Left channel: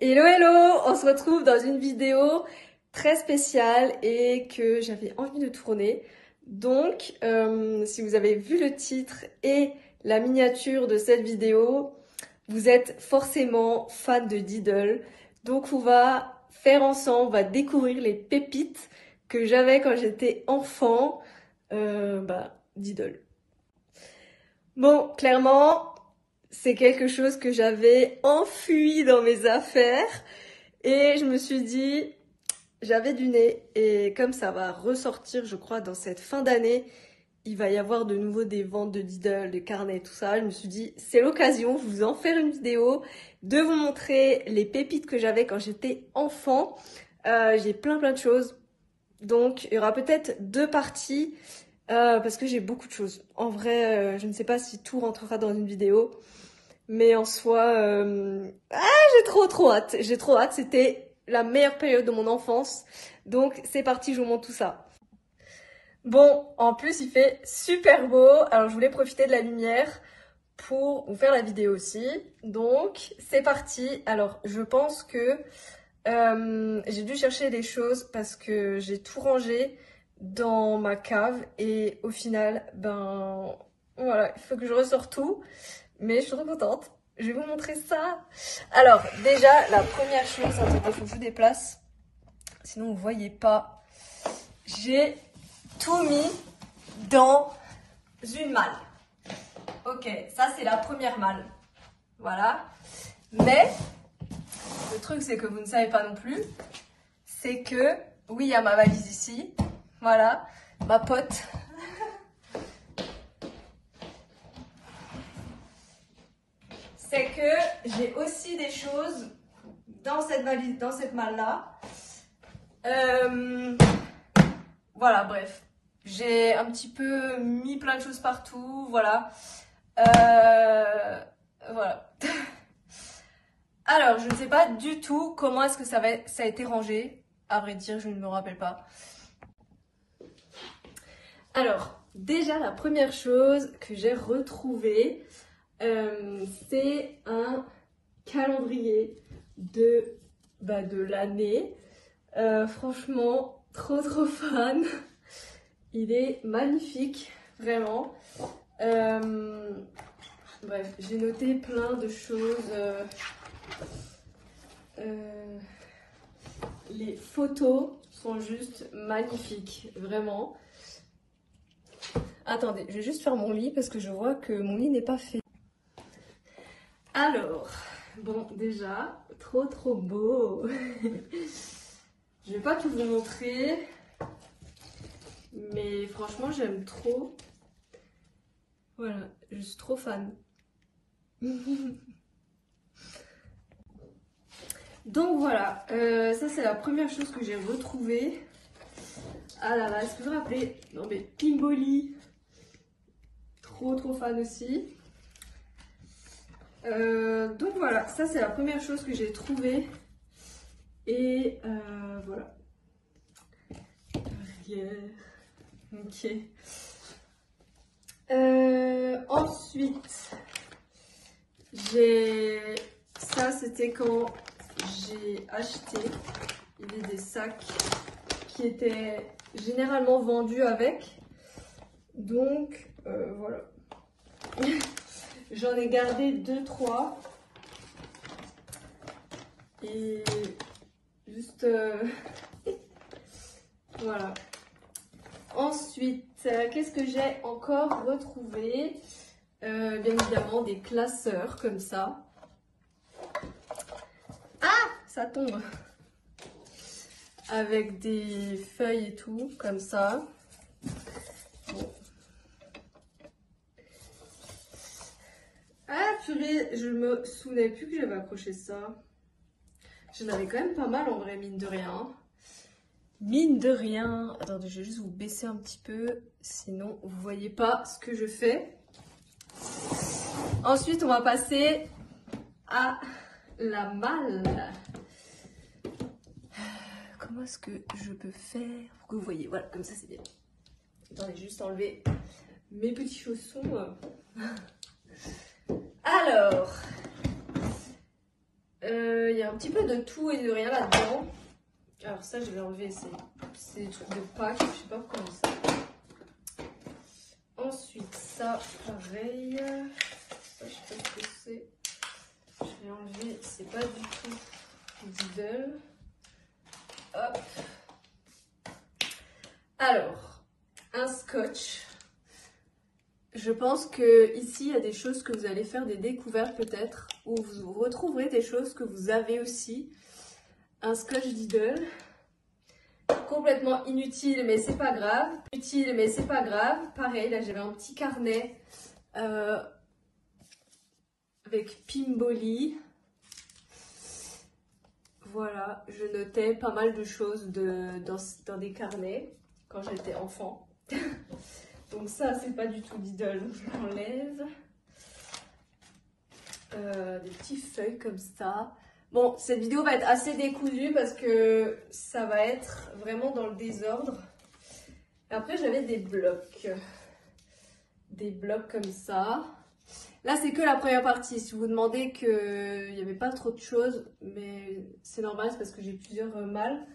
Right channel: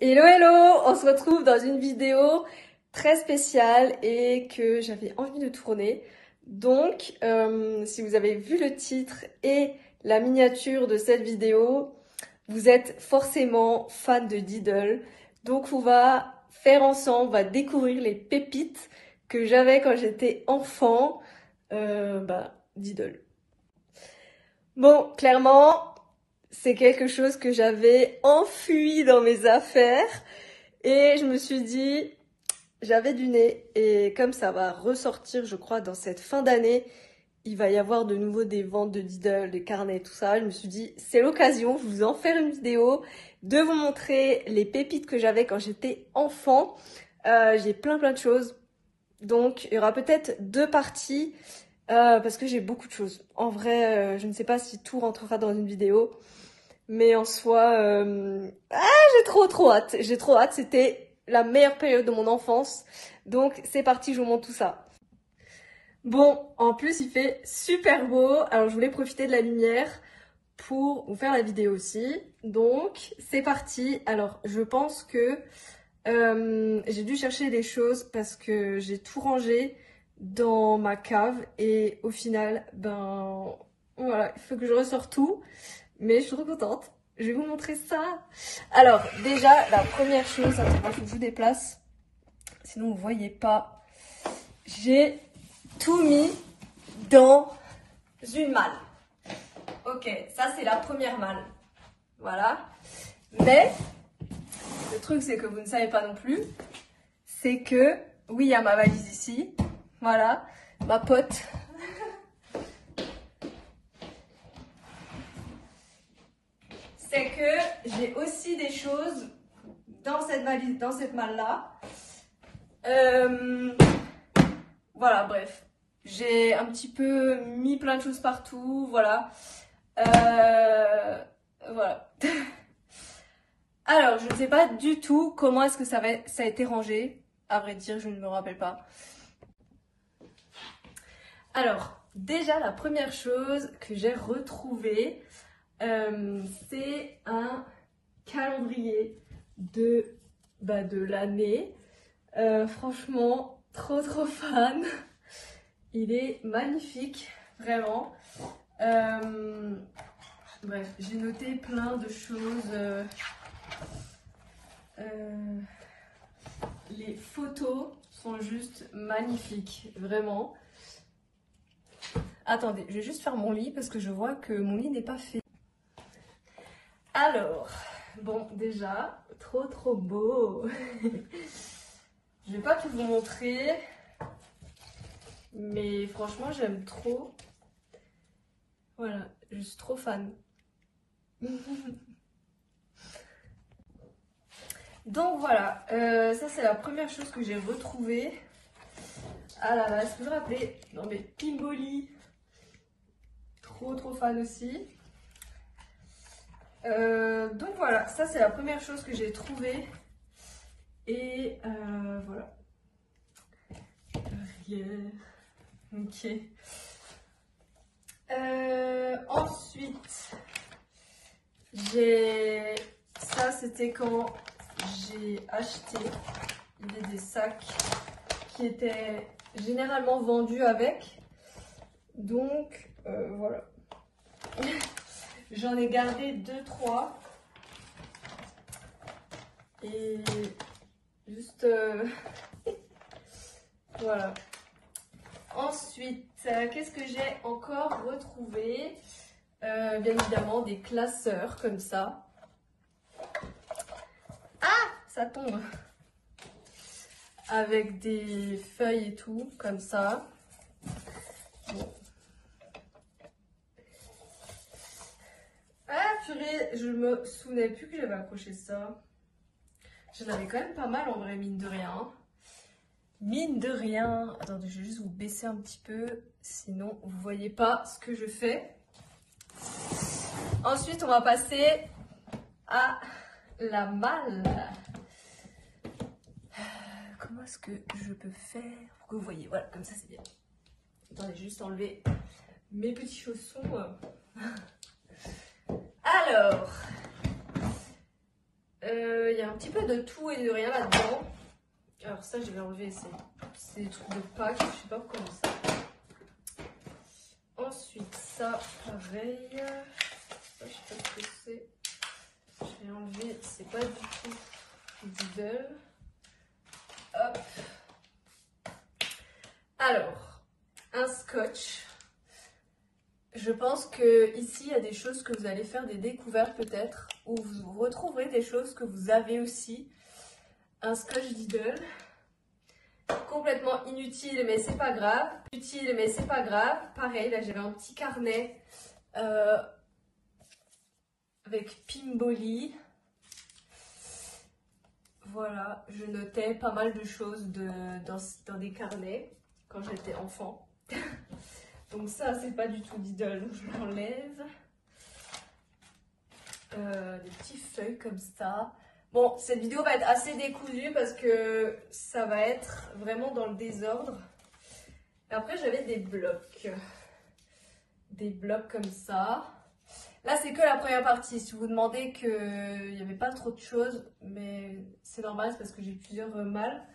Hello hello, on se retrouve dans une vidéo très spéciale et que j'avais envie de tourner. Donc, si vous avez vu le titre et la miniature de cette vidéo, vous êtes forcément fan de Diddle. Donc on va faire ensemble, on va découvrir les pépites que j'avais quand j'étais enfant. Diddle. Bon, clairement, c'est quelque chose que j'avais enfui dans mes affaires et je me suis dit, j'avais du nez et comme ça va ressortir, je crois, dans cette fin d'année, il va y avoir de nouveau des ventes de Diddle, des carnets, tout ça. Je me suis dit, c'est l'occasion, je vais en faire une vidéo, de vous montrer les pépites que j'avais quand j'étais enfant. J'ai plein de choses. Donc, il y aura peut-être deux parties parce que j'ai beaucoup de choses. En vrai, je ne sais pas si tout rentrera dans une vidéo. Mais en soi, j'ai trop hâte. J'ai trop hâte. C'était la meilleure période de mon enfance. Donc, c'est parti, je vous montre tout ça. Bon, en plus, il fait super beau. Alors, je voulais profiter de la lumière pour vous faire la vidéo aussi. Donc, c'est parti. Alors, je pense que j'ai dû chercher des choses parce que j'ai tout rangé dans ma cave. Et au final, voilà, il faut que je ressors tout. Mais je suis trop contente. Je vais vous montrer ça. Alors, déjà, la première chose, attendez, il faut que je vous déplace. Sinon, vous ne voyez pas. J'ai tout mis dans une malle. Ok, ça, c'est la première malle. Voilà. Mais, le truc, c'est que vous ne savez pas non plus. C'est que, oui, il y a ma valise ici. Voilà. Ma pote. C'est que j'ai aussi des choses dans cette valise, dans cette malle-là. Voilà, bref. J'ai un petit peu mis plein de choses partout, voilà. Voilà. Alors, je ne sais pas du tout comment est-ce que ça a été rangé. À vrai dire, je ne me rappelle pas. Alors, déjà, la première chose que j'ai retrouvée, c'est un calendrier de l'année. Franchement, trop fan. Il est magnifique, vraiment. Bref, j'ai noté plein de choses. Les photos sont juste magnifiques, vraiment. Attendez, je vais juste faire mon lit parce que je vois que mon lit n'est pas fait. Alors, bon, déjà, trop beau. Je vais pas tout vous montrer, mais franchement, j'aime trop. Voilà, je suis trop fan. Donc voilà, ça c'est la première chose que j'ai retrouvée. Ah là là, est-ce que je me rappelais? Non mais Pimboli, trop fan aussi. Donc voilà, ça c'est la première chose que j'ai trouvée. Et voilà. Ok. Ensuite, ça c'était quand j'ai acheté des sacs qui étaient généralement vendus avec. Donc voilà. J'en ai gardé 2-3. Et juste voilà. Ensuite, qu'est-ce que j'ai encore retrouvé? Bien évidemment des classeurs comme ça. Ah, ça tombe. Avec des feuilles et tout, comme ça. Bon. Ah purée, je me souvenais plus que j'avais accroché ça. J'en avais quand même pas mal en vrai, mine de rien. Mine de rien. Attendez, je vais juste vous baisser un petit peu, sinon vous voyez pas ce que je fais. Ensuite, on va passer à la malle. Comment est-ce que je peux faire pour que vous voyez? Voilà, comme ça c'est bien. Attendez, juste enlever mes petits chaussons. Alors, Il y a un petit peu de tout et de rien là-dedans. Alors ça, je vais enlever, c'est des trucs de Pâques, je sais pas pourquoi on dit ça. Ensuite, ça, pareil. Ça, je sais pas ce que c'est. Je vais enlever, c'est pas du tout Diddle. Hop. Alors, un scotch. Je pense que ici, il y a des choses que vous allez faire des découvertes peut-être, où vous retrouverez des choses que vous avez aussi. Un scotch Diddle. Complètement inutile, mais c'est pas grave. Utile, mais c'est pas grave. Pareil, là, j'avais un petit carnet avec Pimboli. Voilà, je notais pas mal de choses dans des carnets quand j'étais enfant. Donc ça, c'est pas du tout Diddle, donc je l'enlève. Des petites feuilles comme ça. Bon, cette vidéo va être assez décousue parce que ça va être vraiment dans le désordre. Et après, j'avais des blocs. Des blocs comme ça. Là, c'est que la première partie. Si vous vous demandez qu'il n'y avait pas trop de choses, mais c'est normal, c'est parce que j'ai plusieurs mâles.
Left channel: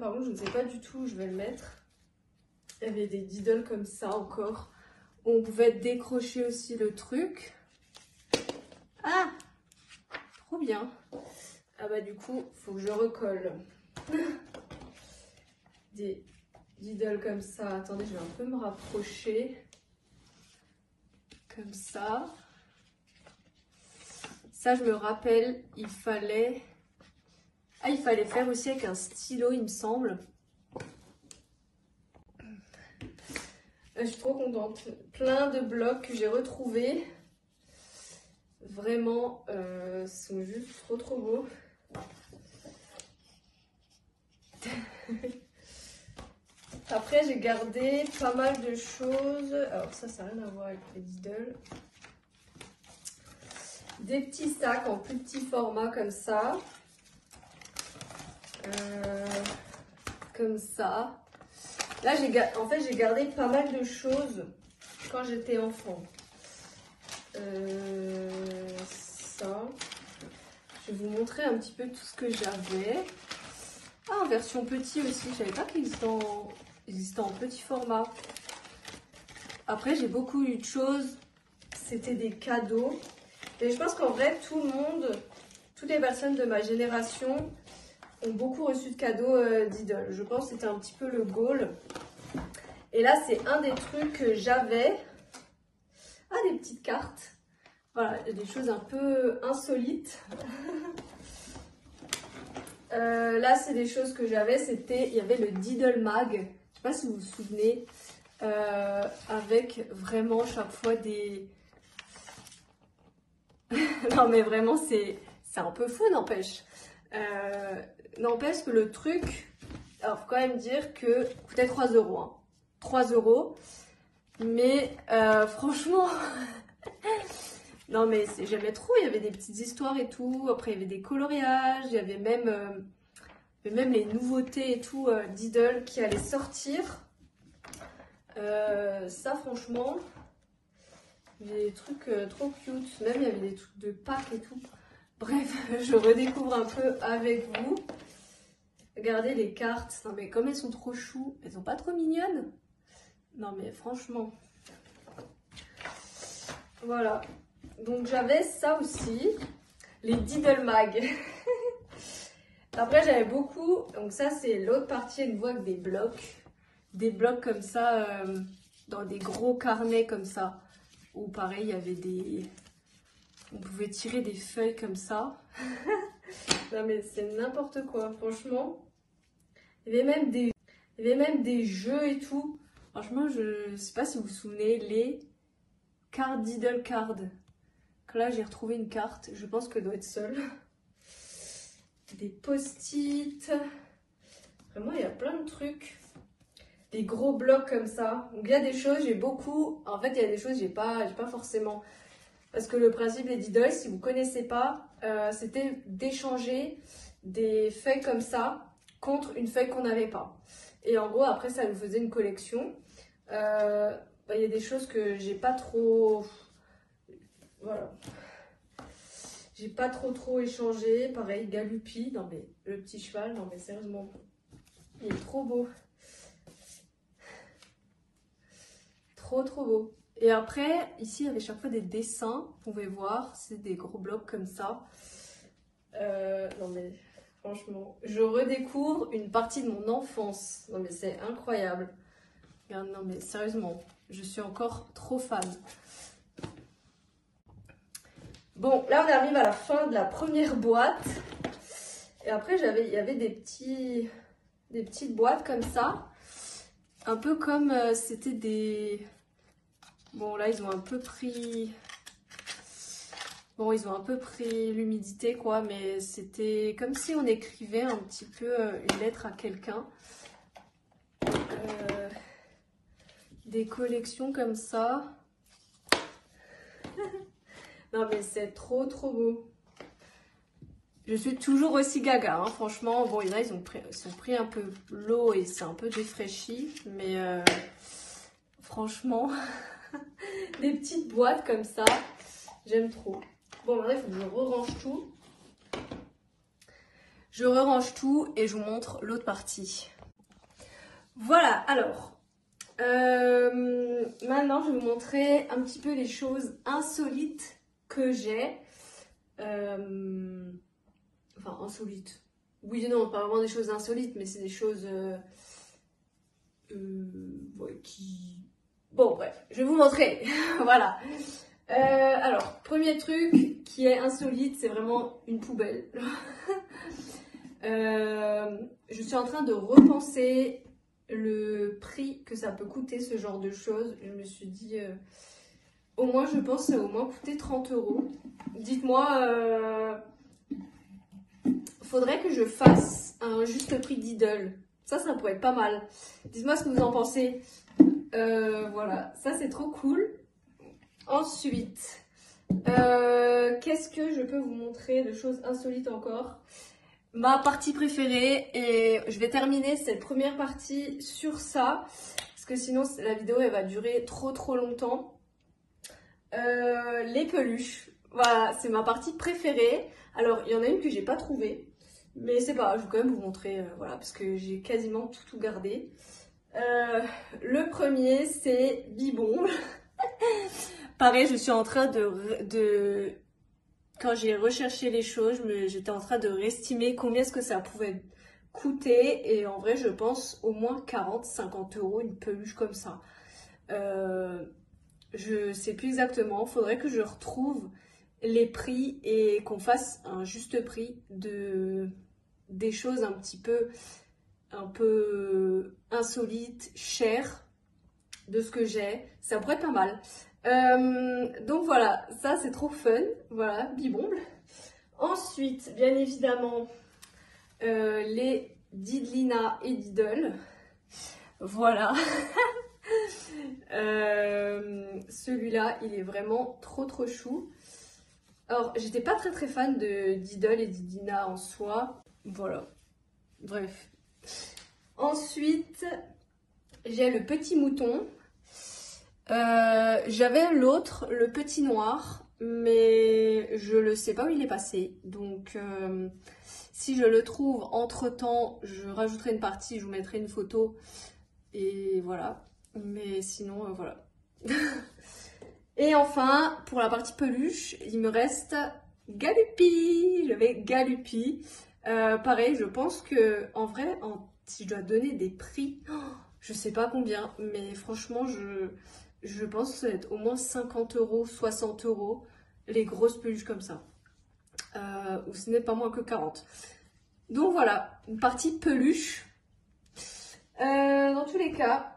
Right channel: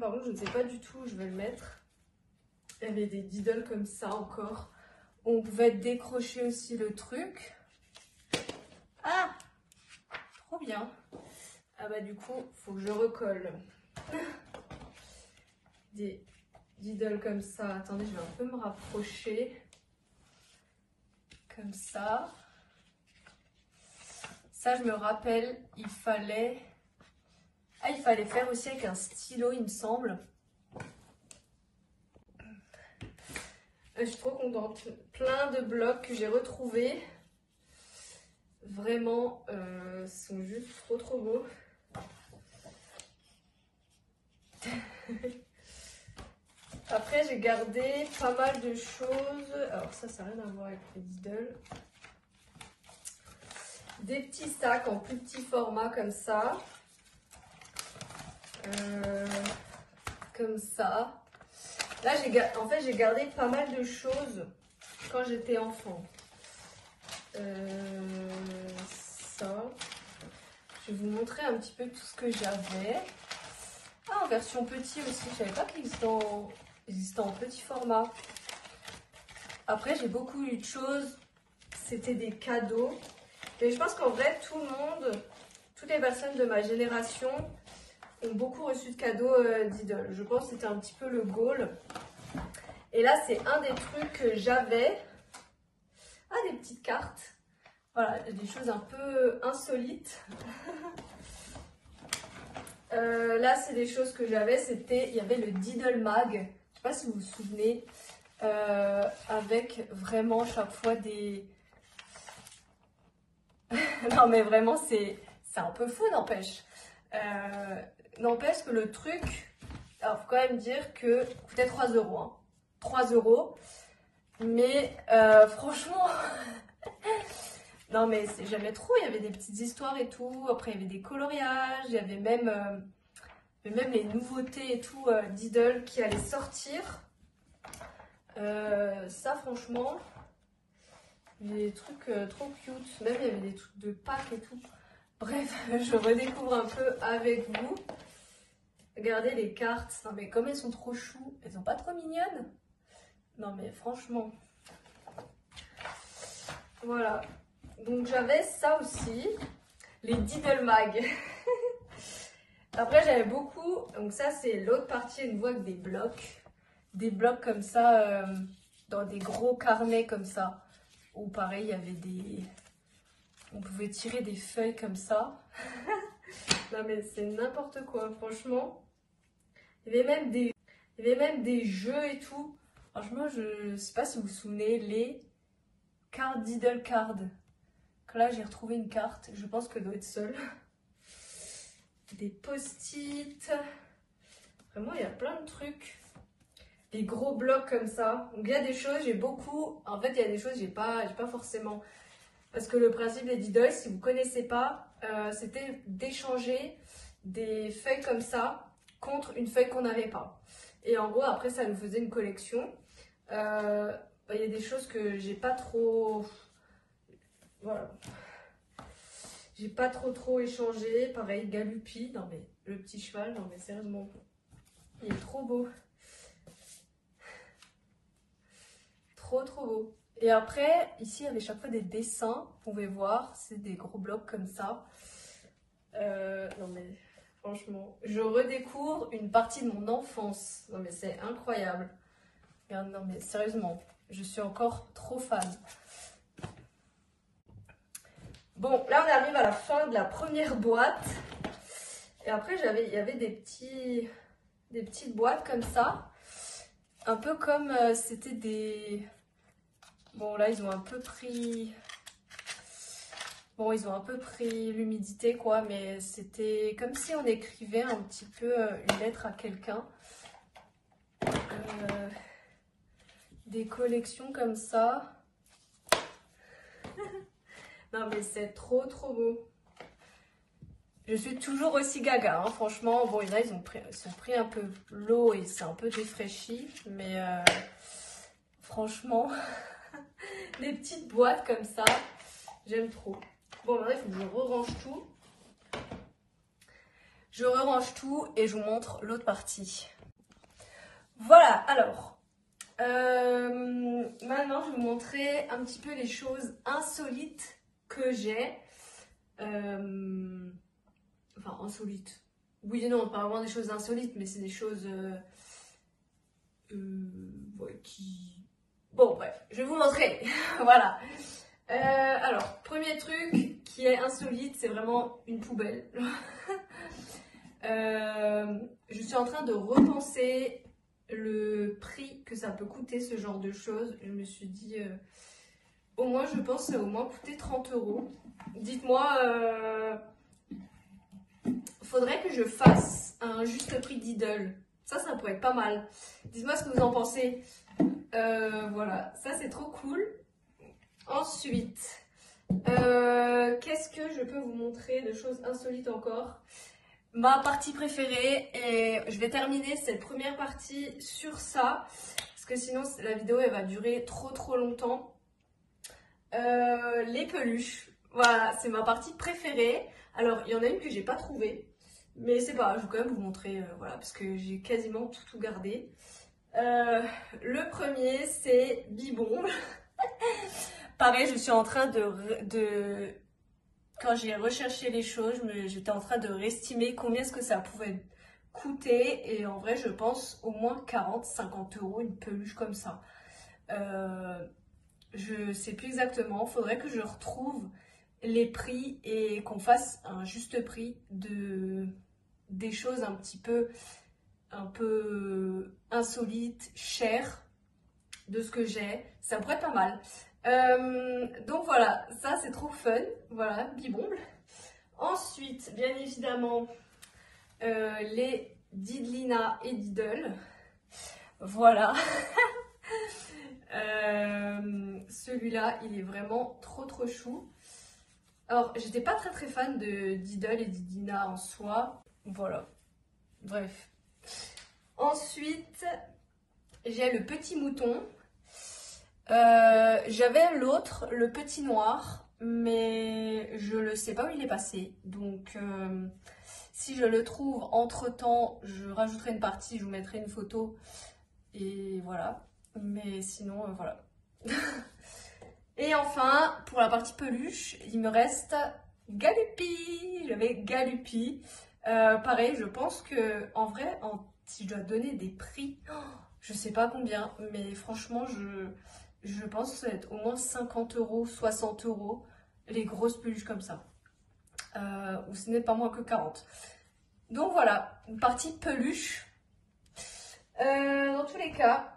Par contre, je ne sais pas du tout où je vais le mettre. Il y avait des Diddle comme ça encore. On pouvait décrocher aussi le truc. Ah! Trop bien. Ah bah du coup, il faut que je recolle. Des Diddle comme ça. Attendez, je vais un peu me rapprocher. Comme ça. Ça, je me rappelle, il fallait... Ah, il fallait faire aussi avec un stylo, il me semble. Je suis trop contente. Plein de blocs que j'ai retrouvés. Vraiment, sont juste trop beaux. Après, j'ai gardé pas mal de choses. Alors ça n'a rien à voir avec les Diddle. Des petits sacs en plus petit format comme ça. Comme ça. Là, en fait, j'ai gardé pas mal de choses quand j'étais enfant. Ça. Je vais vous montrer un petit peu tout ce que j'avais. Ah, en version petit aussi. Je savais pas qu'il existait en petit format. Après, j'ai beaucoup eu de choses. C'était des cadeaux. Et je pense qu'en vrai, tout le monde, toutes les personnes de ma génération ont beaucoup reçu de cadeaux Diddle. Je pense que c'était un petit peu le goal. Et là, c'est un des trucs que j'avais. Ah, des petites cartes. Voilà, des choses un peu insolites. Là, c'est des choses que j'avais. Il y avait le Diddle Mag. Je ne sais pas si vous vous souvenez. Avec vraiment chaque fois des... Non, mais vraiment, c'est un peu fou, n'empêche. N'empêche que le truc... Alors, faut quand même dire que coûtait 3 €. Hein. 3 €. Mais franchement... Non, mais j'aimais trop. Il y avait des petites histoires et tout. Après, il y avait des coloriages. Il y avait même les nouveautés et tout Diddle qui allaient sortir. Ça, franchement, des trucs trop cute. Même, il y avait des trucs de Pâques et tout. Bref, je redécouvre un peu avec vous. Regardez les cartes. Non, mais comme elles sont trop chou, elles sont pas trop mignonnes. Non, mais franchement. Voilà. Donc, j'avais ça aussi. Les Diddle Mag. Après, j'avais beaucoup. Donc, ça, c'est l'autre partie. Une voie avec des blocs. Des blocs comme ça, dans des gros carnets comme ça. Où pareil, il y avait des... On pouvait tirer des feuilles comme ça. Non mais c'est n'importe quoi, franchement. Il y avait même des jeux et tout. Franchement, je sais pas si vous vous souvenez, les cartes Diddle Card. Que là, j'ai retrouvé une carte. Je pense que je dois être seule. Des post-it. Vraiment, il y a plein de trucs. Des gros blocs comme ça. Donc il y a des choses, j'ai beaucoup. En fait, il y a des choses, j'ai pas forcément. Parce que le principe des Diddle, si vous ne connaissez pas, c'était d'échanger des feuilles comme ça contre une feuille qu'on n'avait pas. Et en gros, après, ça nous faisait une collection. Il y a des choses que j'ai pas trop... Voilà. J'ai pas trop échangé. Pareil, Galupi. Non mais, le petit cheval, non mais sérieusement. Il est trop beau. Trop beau. Et après, ici, il y avait chaque fois des dessins. Vous pouvez voir, c'est des gros blocs comme ça. Non mais, franchement, je redécouvre une partie de mon enfance. Non mais c'est incroyable. Regarde, non mais sérieusement, je suis encore trop fan. Bon, là on arrive à la fin de la première boîte. Et après, il y avait des petites boîtes comme ça. Un peu comme c'était des... Bon, là, ils ont un peu pris... Bon, ils ont un peu pris l'humidité, quoi. Mais c'était comme si on écrivait un petit peu une lettre à quelqu'un. Des collections comme ça. Non, mais c'est trop beau. Je suis toujours aussi gaga, hein, franchement. Bon, là, ils ont pris un peu l'eau et c'est un peu défraîchi. Mais franchement, des petites boîtes comme ça, j'aime trop. Bon, maintenant, il faut que je re-range tout. Je re-range tout et je vous montre l'autre partie. Voilà, alors. Maintenant, je vais vous montrer un petit peu les choses insolites que j'ai. Enfin, insolites. Oui et non, pas vraiment des choses insolites, mais c'est des choses ouais, qui... Bon, bref, je vais vous montrer. Voilà. Alors, premier truc qui est insolite, c'est vraiment une poubelle. Je suis en train de repenser le prix que ça peut coûter ce genre de choses. Je me suis dit, au moins, je pense que ça va au moins coûter 30 €. Dites-moi, faudrait que je fasse un juste prix Lidl. Ça pourrait être pas mal. Dites-moi ce que vous en pensez. Voilà, ça c'est trop cool. Ensuite, qu'est-ce que je peux vous montrer de choses insolites encore? Ma partie préférée, et je vais terminer cette première partie sur ça, parce que sinon la vidéo elle va durer trop longtemps. Les peluches, voilà, c'est ma partie préférée. Alors il y en a une que j'ai pas trouvée, mais c'est pas grave, je vais quand même vous montrer, voilà, parce que j'ai quasiment tout gardé. Le premier c'est Bibon. Pareil, je suis en train de... Quand j'ai recherché les choses, j'étais en train de réestimer combien est-ce que ça pouvait coûter. Et en vrai, je pense au moins 40-50 € une peluche comme ça. Je sais plus exactement. Il faudrait que je retrouve les prix et qu'on fasse un juste prix des choses un peu insolites, chères de ce que j'ai. Ça pourrait être pas mal. Donc voilà, ça c'est trop fun. Voilà, Bibomble. Ensuite, bien évidemment, les Didlina et Diddle. Voilà. Celui-là, il est vraiment trop chou. Alors, j'étais pas très fan de Diddle et Didlina en soi. Voilà. Bref. Ensuite, j'ai le petit mouton. J'avais l'autre, le petit noir, mais je ne sais pas où il est passé. Donc, si je le trouve entre-temps, je rajouterai une partie, je vous mettrai une photo. Et voilà. Mais sinon, voilà. Et enfin, pour la partie peluche, il me reste Galupi. J'avais Galupi. Pareil, je pense que en vrai, si je dois donner des prix, je sais pas combien, mais franchement, je pense que ça va être au moins 50 €, 60 € les grosses peluches comme ça. Ou ce n'est pas moins que 40. Donc voilà, une partie peluche. Dans tous les cas,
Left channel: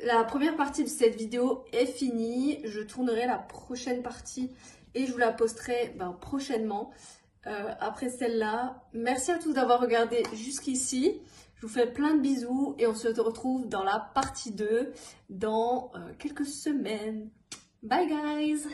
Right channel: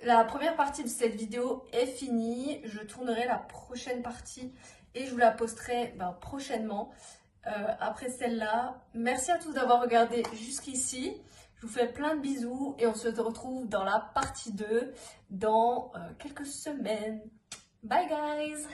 la première partie de cette vidéo est finie. Je tournerai la prochaine partie et je vous la posterai prochainement. Après celle-là, merci à tous d'avoir regardé jusqu'ici. Je vous fais plein de bisous et on se retrouve dans la partie 2 dans quelques semaines. Bye guys!